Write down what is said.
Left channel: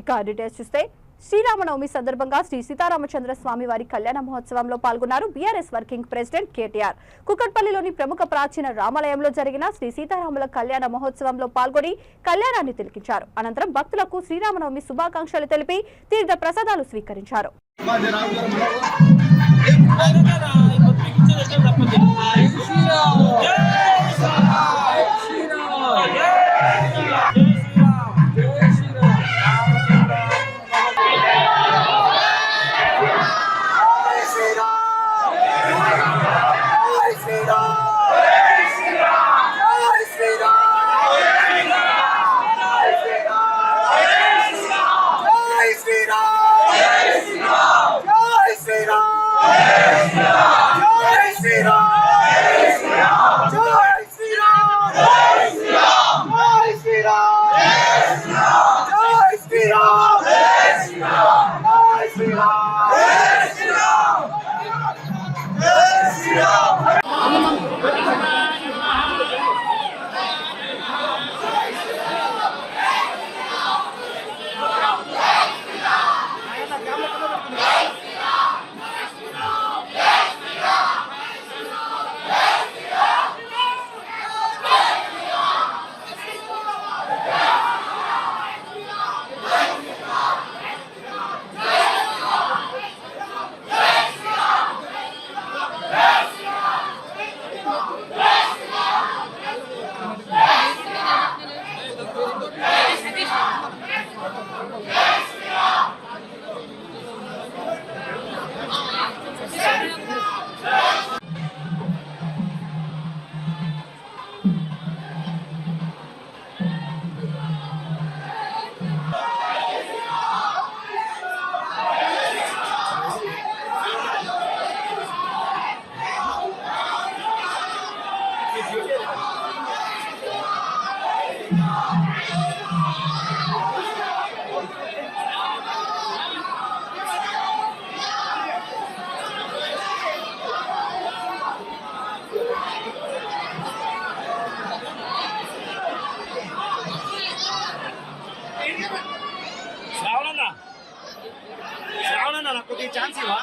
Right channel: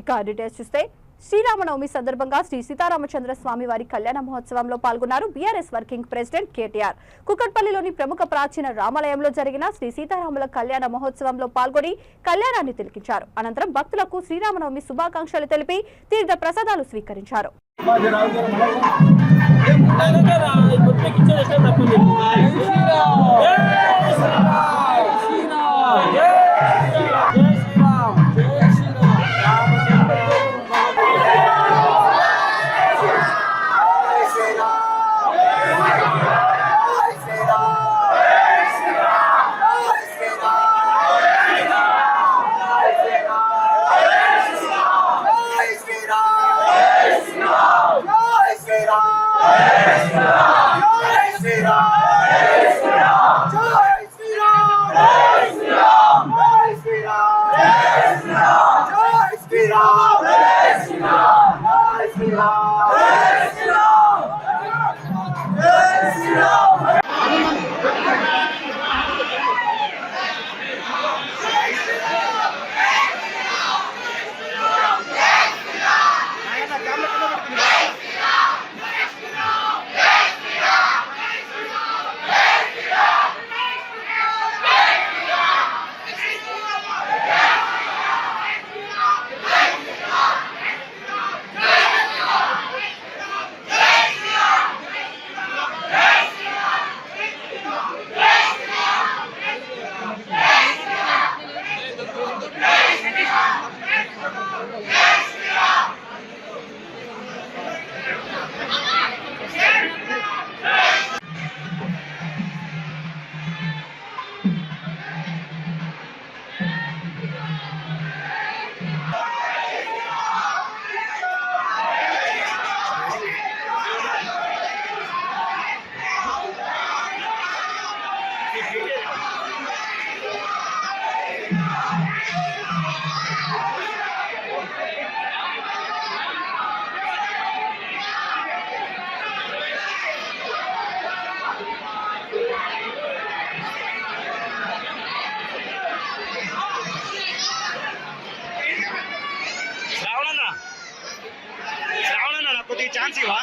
ఇక డీటెయిల్స్ చూస్తే శ్రీరామనవమి సందర్భంగా శ్రీ సీతారామచంద్ర స్వామి వారి కళ్యాణ మహోత్సవంలో పాల్గొన్నారు బీఆర్ఎస్ వర్కింగ్ ప్రెసిడెంట్ కేటీఆర్. కుకట్పల్లిలోని ప్రముఖ ప్రాచీన రామాలయంలో జరిగిన శ్రీ సీతారాముల కళ్యాణ మహోత్సవంలో పాల్గొని కళ్యాణాన్ని తిలకించారు. అనంతరం భక్తులకు శ్రీరామనవమి శుభాకాంక్షలు తెలిపి తీర్థ ప్రసాదాలు స్వీకరించారు. శ్రావణ నాకు కొద్దిగా ఛాన్స్ ఇవ్వ.